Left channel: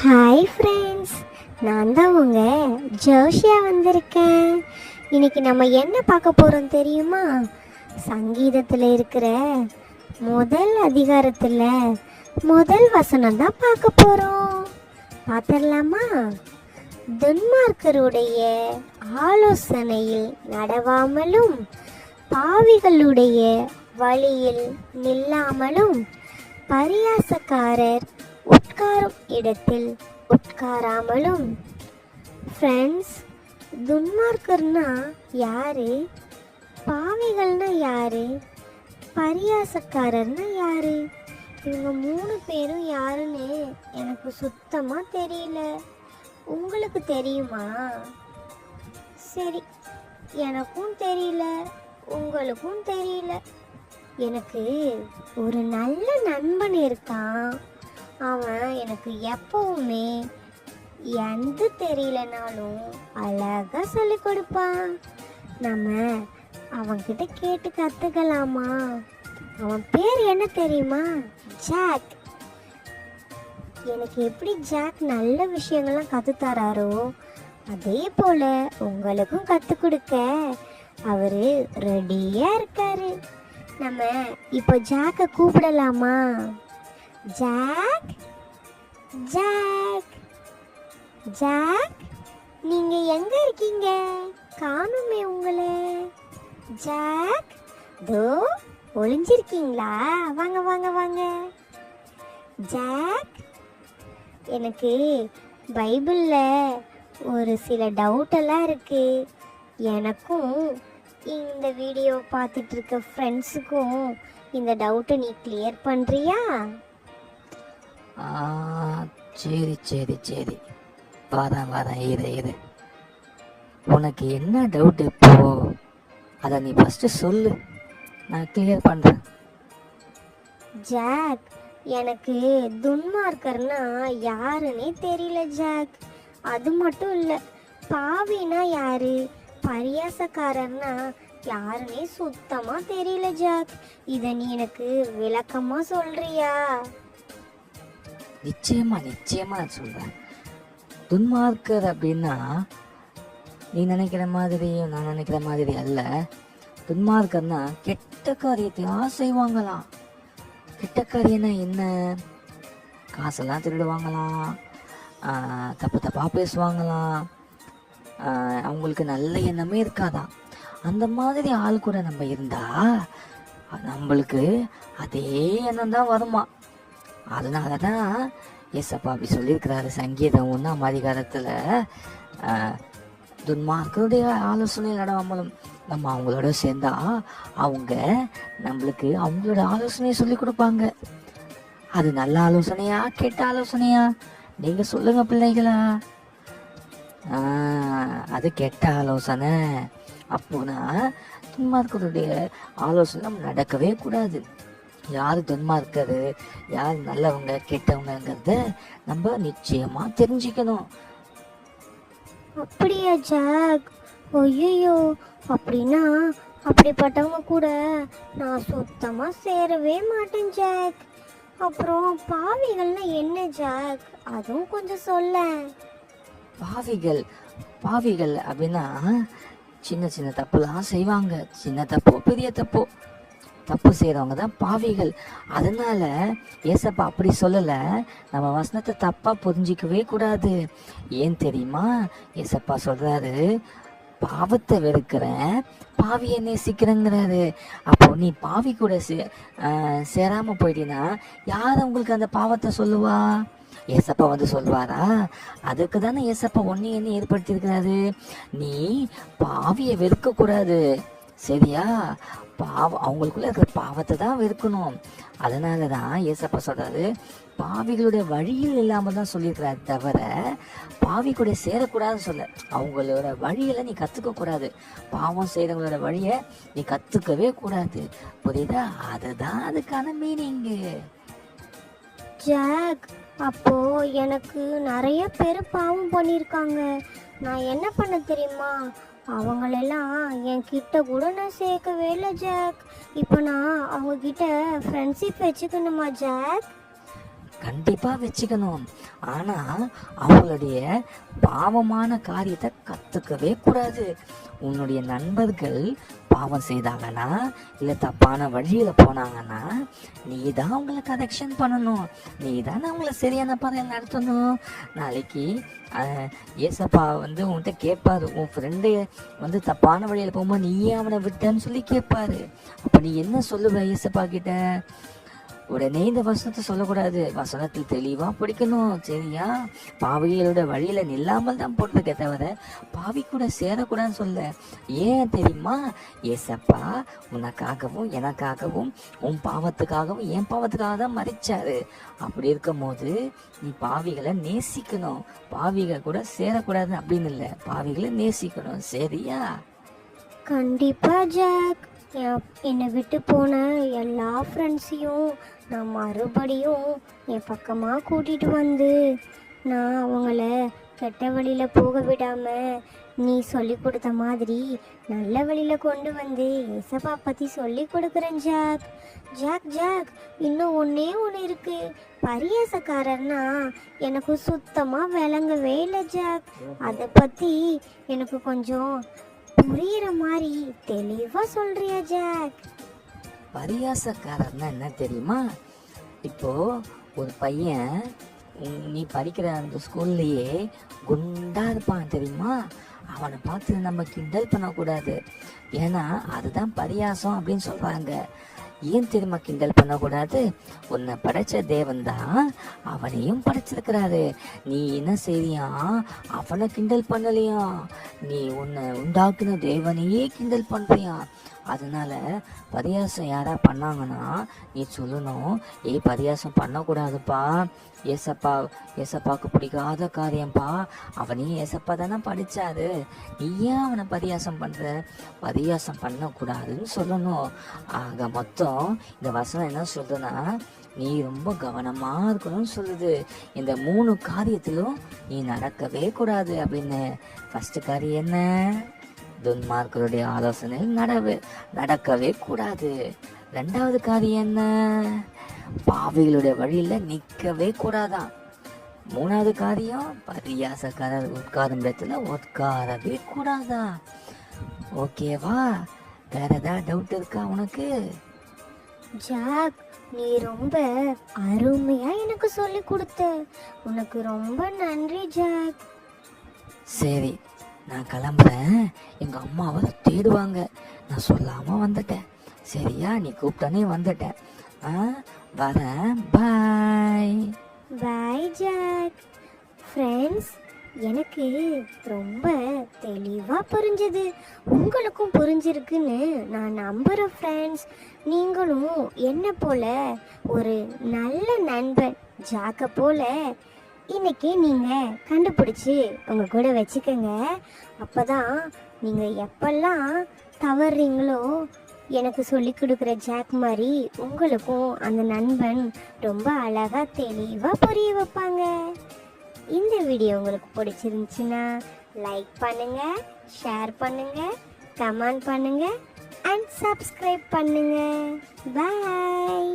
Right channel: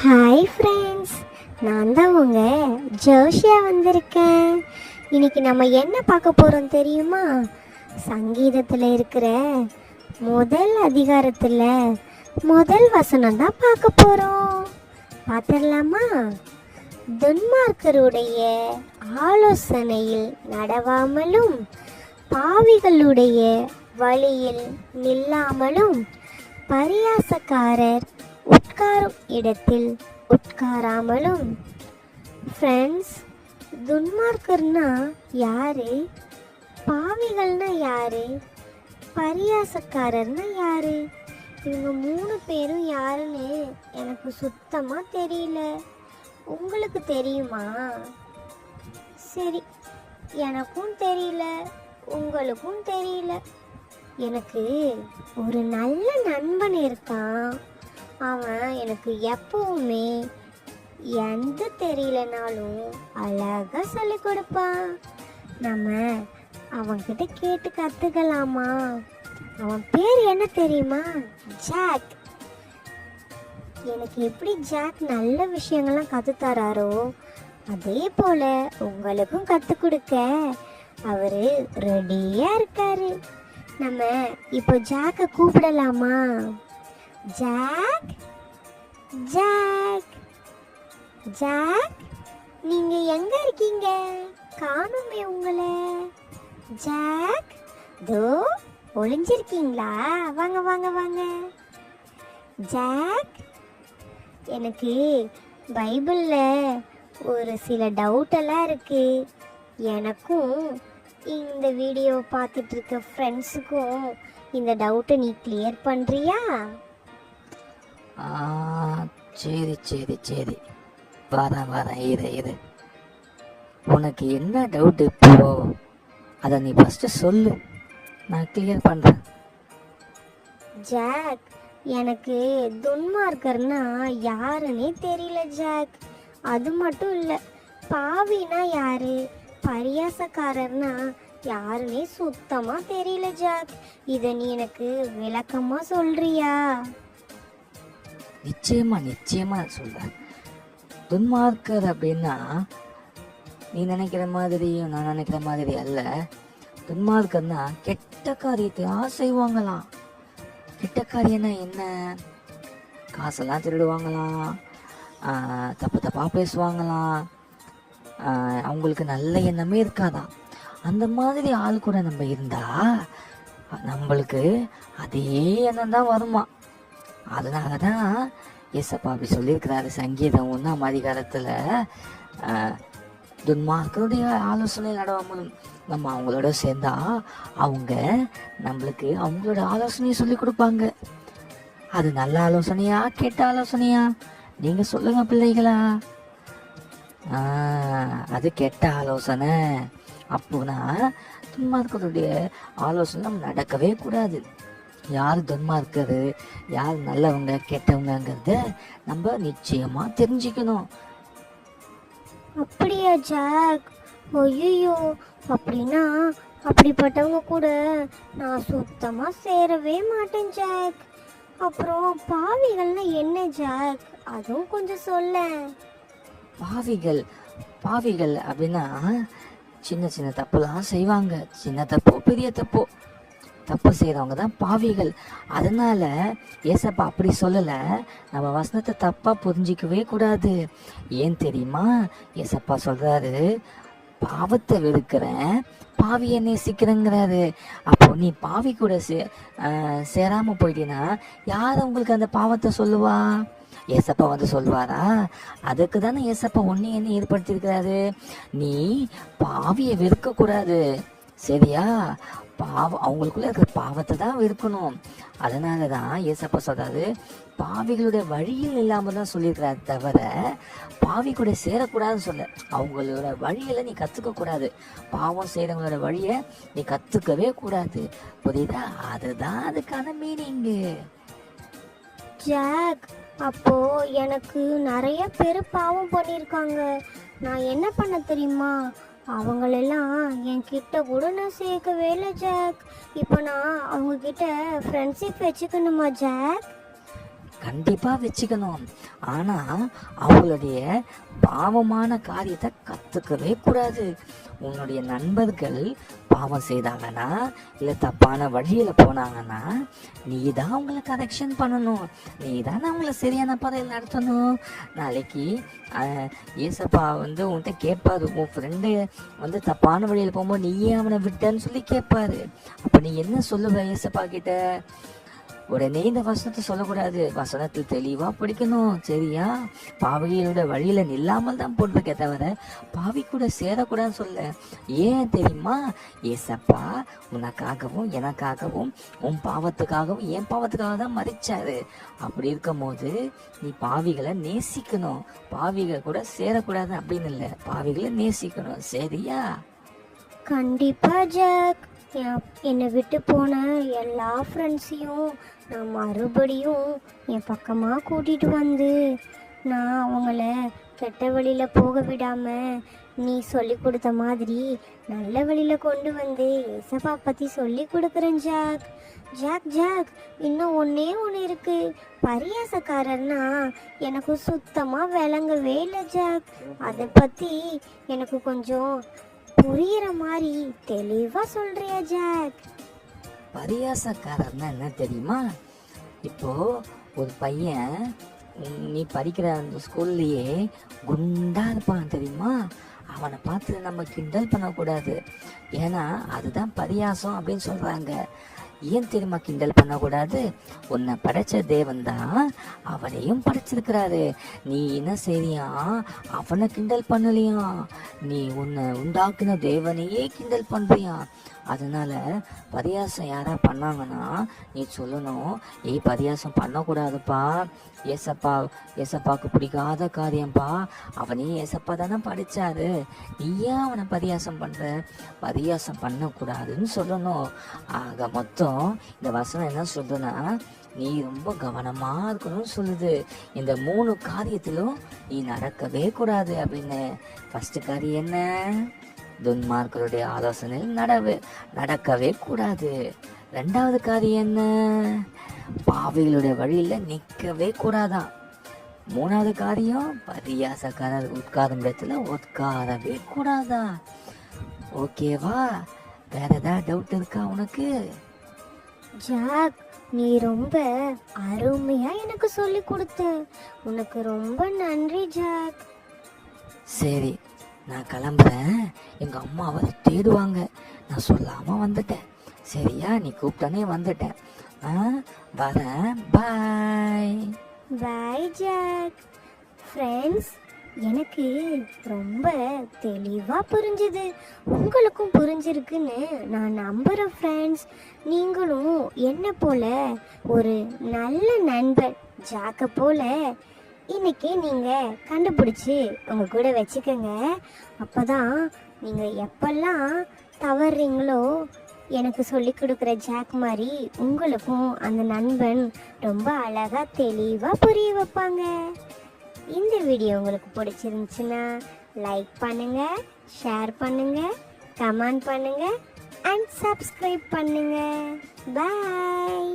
Hi friends, நான் தான் உங்க ஜோஷியா வந்திருக்கேன். இன்னைக்கு நம்ம என்ன பார்க்க போகிறோம் தெரியுமா? சங்கீதத்தில் இருக்கிற முதல் அதிகாரத்தில் முதல் வசனம் தான் பார்க்க போகிறோம். பார்த்துடலாமா? துன்மார்க்கருடைய ஆலோசனையில் நடவாமலும் பாவிகளுடைய வழியில் நில்லாமலும் பரியாசக்காரர் உட்காரும் இடத்தில் உட்காராமலும். ஃப்ரெண்ட்ஸ், துன்மார்க்கர்னா யாரு? பாவிகள்னா யாரு? பரியாசக்காரர்னா யாரு? இவங்க 3 பேரும் யாருன்னு எனக்கு சுத்தமா தெரியல. உங்களுக்கு தெரியுமா? சரி, எனக்கும் தெரியல, உங்களுக்கும் தெரியல. எனக்கு ஒரு நல்ல நண்பன் இருக்கான். அவன் எனக்கு எப்பவுமே எந்த தெரியலனாலும் அழகா சொல்லி கொடுப்பான். நம்ம அவன்கிட்ட கேட்டு கத்துக்கலாமா? அவன் பேர் என்ன தெரியுமா? ஜாக். எனக்கு எப்படி ஜாக் நல்ல விஷயங்கள்லாம் கற்றுத்தராரோ, அதே போல உங்களுக்கும் கற்றுக் கொடுக்க அவரு ரெடியா இருக்காரு. நம்ம இப்போ ஜாக்கை கூப்பிடலாமா? ஜாக், ஜாக், ஜாக், நீங்க எங்க இருக்கீங்க? காணுமே உங்களை. ஜாக், தோ ஒளிஞ்சிருக்கீங்களா? வாங்க வாங்க வாங்க. ஜாக், எனக்கு பைபிள்ல ஒரு சில டவுட்டெல்லாம் இருக்கு. எனக்கும் இந்த வீடியோ பார்த்துட்டு இருக்க ஃப்ரெண்ட்ஸுக்கும் இந்த டவுட்டை நீ கிளியர் பண்ணுறியா? சரி சரி சரி, வரேன் இரு. உனக்கு என்ன டவுட் இப்போ? அதை நீ ஃபஸ்ட்டு சொல்லு, நான் கிளியர் பண்ணுறேன். ஜாக், எனக்கு துன்மார்க்கர்னா யாருன்னே தெரியல ஜாக். அது மட்டும் இல்லை, பாவினா யாரு, பரியாசக்காரர்னா யாருன்னே சுத்தமா தெரியல ஜாக். இதை நீ எனக்கு விளக்கமா சொல்றியா? நிச்சயமா நான் சொல்றேன். துன்மார்க்கர் அப்படின்னா நீ நினைக்கிற மாதிரி நான் நினைக்கிற மாதிரி அல்ல. துன்மார்க்கர்னா கெட்ட காரியத்தை செய்வாங்களாம். கெட்ட காரியம்னா என்ன? காசெல்லாம் திருடுவாங்களாம், தப்பா பேசுவாங்களாம், அவங்களுக்கு நல்ல எண்ணமே இருக்காதான். அந்த மாதிரி ஆள் கூட நம்ம இருந்தா நம்மளுக்கு அதே எண்ணம் தான் வருமா. அதனாலதான் ஏசப்பா அப்படி சொல்லியிருக்கிறாரு. சங்கீதம் 1ஆம் அதிகாரத்துல துன்மார்க்கருடைய ஆலோசனை நடவாமலும் நம்ம அவங்களோட சேர்ந்தா அவங்க நம்மளுக்கு அவங்களோட ஆலோசனையை சொல்லி கொடுப்பாங்க. அது நல்ல ஆலோசனையா கெட்ட ஆலோசனையா? நீங்க சொல்லுங்க பிள்ளைகளா. அது கெட்ட ஆலோசனை. அப்போனா துன்மார்க்கருடைய ஆலோசனை நம்ம நடக்கவே கூடாது. யார் துன்மார்க்கரு, யார் நல்லவங்க கெட்டவங்கிறத நம்ம நிச்சயமா தெரிஞ்சுக்கணும். அப்படியா ஜாக்? ஐயோ, அப்படின்னா அப்படிப்பட்டவங்க கூட நான் சுத்தமா சேரவே மாட்டேன் ஜாக். அப்புறம் பாவிகள்னா என்ன ஜாக்? அதுவும் கொஞ்சம் சொல்ல. பாவிகள் அப்படின்னா சின்ன தப்புலாம் செய்வாங்க. சின்ன தப்போ பெரிய தப்பு செய்யறவங்க தான் பாவிகள். அதனால ஏசப்பா அப்படி சொல்லல. நம்ம வசனத்தை தப்பா புரிஞ்சிக்கவே கூடாது. ஏன் தெரியுமா? ஏசப்பா சொல்றாரு, பாவத்தை வெறுக்கிறேன், பாவியை நேசிக்கிறேங்கிறாரு. அப்போ நீ பாவி கூட சேராம போயிட்டீன்னா யார் உங்களுக்கு அந்த பாவத்தை சொல்லுவா? ஏசப்பா வந்து சொல்லுவாரா? அதுக்கு தானே ஏசப்பா என்ன ஏற்படுத்தியிருக்கிறாரு. நீ பாவியை வெறுக்க கூடாது, சரியா? அவங்களுக்குள்ள இருக்கிற பாவத்தை தான் வெறுக்கணும். அதனாலதான் ஏசப்பா சொல்றாரு, பாவிகளுடைய வழியில் இல்லாம தான் சொல்லியிருக்கிறாரு, தவிர பாவி கூட சேரக்கூடாதுன்னு சொல்ல. அவங்களோட வழியில நீ கத்துக்க கூடாது. பாவம் செய்யறவங்களோட வழிய நீ கத்துக்கவே கூடாது. புரியுதா? அதுதான் அதுக்கான மீனிங்கு. ஜாக், அப்போ எனக்கு நிறைய பேர் பாவம் பண்ணியிருக்காங்க. நான் என்ன பண்ண தெரியுமா? அவங்களெல்லாம் என் கிட்ட கூட நான் சேர்க்கவே இல்லை ஜாக். இப்போ நான் அவங்க கிட்ட ஃப்ரெண்ட்ஷிப் வச்சுக்கணுமா ஜாக்? கண்டிப்பா வச்சுக்கணும். ஆனா அவங்களுடைய பாவமான காரியத்தை கத்துக்கவே கூடாது. உன்னுடைய நண்பர்கள் பாவம் செய்தாங்கன்னா இல்ல தப்பான வழியில போனாங்கன்னா நீ தான் அவங்கள கரெக்ஷன் பண்ணணும். நீ தானே அவங்கள சரியான பாதையில் நடத்தணும். நாளைக்கு ஏசப்பா உன்கிட்ட கேட்பாரு, உன் ஃப்ரெண்டு தப்பான வழியில போகும்போது நீ ஏன் அவனை விட்டன்னு சொல்லி கேட்பாரு. அப்ப நீ என்ன சொல்லுவ ஏசப்பா கிட்ட? உடனே இந்த வசனத்தை சொல்லக்கூடாது. வசனத்தில் தெளிவா படிக்கணும், சரியா? பாவிகளோட வழியில நில்லாமல் தான் போடுறதுக்கே தவிர பாவி கூட சேரக்கூடாதுன்னு சொல்ல. ஏன் தெரியுமா? ஏசப்பா உனக்காகவும் எனக்காகவும் உன் பாவத்துக்காகவும் என் பாவத்துக்காக தான் மறிச்சாரு. அப்படி இருக்கும் போது நீ பாவிகளை நேசிக்கணும். பாவிகள் கூட சேரக்கூடாது அப்படின்னு இல்லை, பாவிகளை நேசிக்கணும், சரியா? கண்டிப்பா ஜாக். என்னை விட்டு போன எல்லா ஃப்ரெண்ட்ஸையும் நான் மறுபடியும் என் பக்கமாக கூட்டிகிட்டு வந்து நான் அவங்கள கெட்ட வழியில் போக விடாமல் நீ சொல்லி கொடுத்த மாதிரி நல்ல வழியில் கொண்டு வந்து ஏசப்பா பற்றி சொல்லி கொடுக்குறேன் ஜாக். ஜாக் ஜாக் இன்னும் ஒன்றே ஒன்று இருக்குது. பரியாசக்காரர்னா எனக்கு சுத்தமாக விளங்கவே இல்லை ஜாக். அதை பற்றி எனக்கு கொஞ்சம் புரியுற மாதிரி தெளிவா சொல்றியா ஜாக்? பரியாசக்காரர்னா என்ன தெரியுமா? இப்போ ஒரு பையன் நீ படிக்கிற அந்த ஸ்கூல்லையே குண்டா இருப்பான் தெரியுமா? அவனை பார்த்து நம்ம கிண்டல் பண்ணக்கூடாது. ஏன்னா அதுதான் பரியாசம் அப்படின்னு சொல்றாங்க. ஏன் தெரியுமா கிண்டல் பண்ணக்கூடாது? உன்னை படைச்ச தேவன் தான் அவனையும் படைச்சிருக்கிறாரு. நீ என்ன செய்றியா? அவனை கிண்டல் பண்ணலையா? நீ உன்னை உண்டாக்குன தேவனையே கிண்டல் பண்றியா? அதனால பரியாசம் யாரா பண்ணாங்கன்னா நீ சொல்லணும், பரியாசம் பண்ணக்கூடாதுப்பா, ஏசப்பாக்கு பிடிக்காத காரியம்ப்பா, அவனையும் ஏசப்பா தானே படிச்சாரு, நீ ஏன் அவனை பரியாசம் பண்ற? பரியாசம் பண்ணக்கூடாதுன்னு சொல்லணும். ஆக மொத்தம் இந்த வசனம் என்ன சொல்லுன்னா, நீ ரொம்ப கவனமா இருக்கணும்னு சொல்லுது. இந்த 3 காரியத்திலும் நீ நடக்கவே கூடாது அப்படின்னு. ஃபர்ஸ்ட் காரியம் என்ன? துன்மார்க்கருடைய ஆலோசனையில் நடக்கவே கூடாது. 2வது காரியம் என்ன? பாவிகளுடைய வழியில நிக்கவே கூடாதான். 3வது காரியம் பரியாசக்காரர் உட்காரும் இடத்துல உட்காரவே கூடாதான். ஓகேவா? வேற ஏதாவது டவுட் இருக்கா உனக்கு? ஜாக், நீ ரொம்ப அருமையா எனக்கு சொல்லி கொடுத்த. உனக்கு ரொம்ப நன்றி ஜாக். சரி, நான் கிளம்புறேன். எங்க அம்மாவை தேடுவாங்க. நான் சொல்லாம வந்துட்டேன், சரியா? நீ கூப்பிட்டானே வந்துட்டேன். வரேன். பாய். பாய் ஜாக். ஃப்ரெண்ட்ஸ், எனக்கு ரொம்ப தெளிவா புரிஞ்சுது. உங்களுக்கும் புரிஞ்சிருக்குன்னு நான் நம்புறேன் ஃப்ரெண்ட்ஸ். நீங்களும் என்ன போல ஒரு நல்ல நண்பன் ஜாக்க போல இன்னைக்கு நீங்க கண்டுபிடிச்சு உங்க கூட வச்சுக்கோங்க. அப்பதான் நீங்க எப்பெல்லாம் தவறுறீங்களோ எனக்கு சொல்லி கொடுக்குற ஜாக் மாதிரி உங்களுக்கும் அந்த நண்பன் ரொம்ப அழகா தெளிவா புரிய வைப்பாங்க. இந்த வீடியோ உங்களுக்கு பிடிச்சிருந்துச்சுன்னா லைக் பண்ணுங்க, ஷேர் பண்ணுங்க, கமெண்ட் பண்ணுங்க அண்ட் சப்ஸ்கிரைப் பண்ணுங்க. பாய்.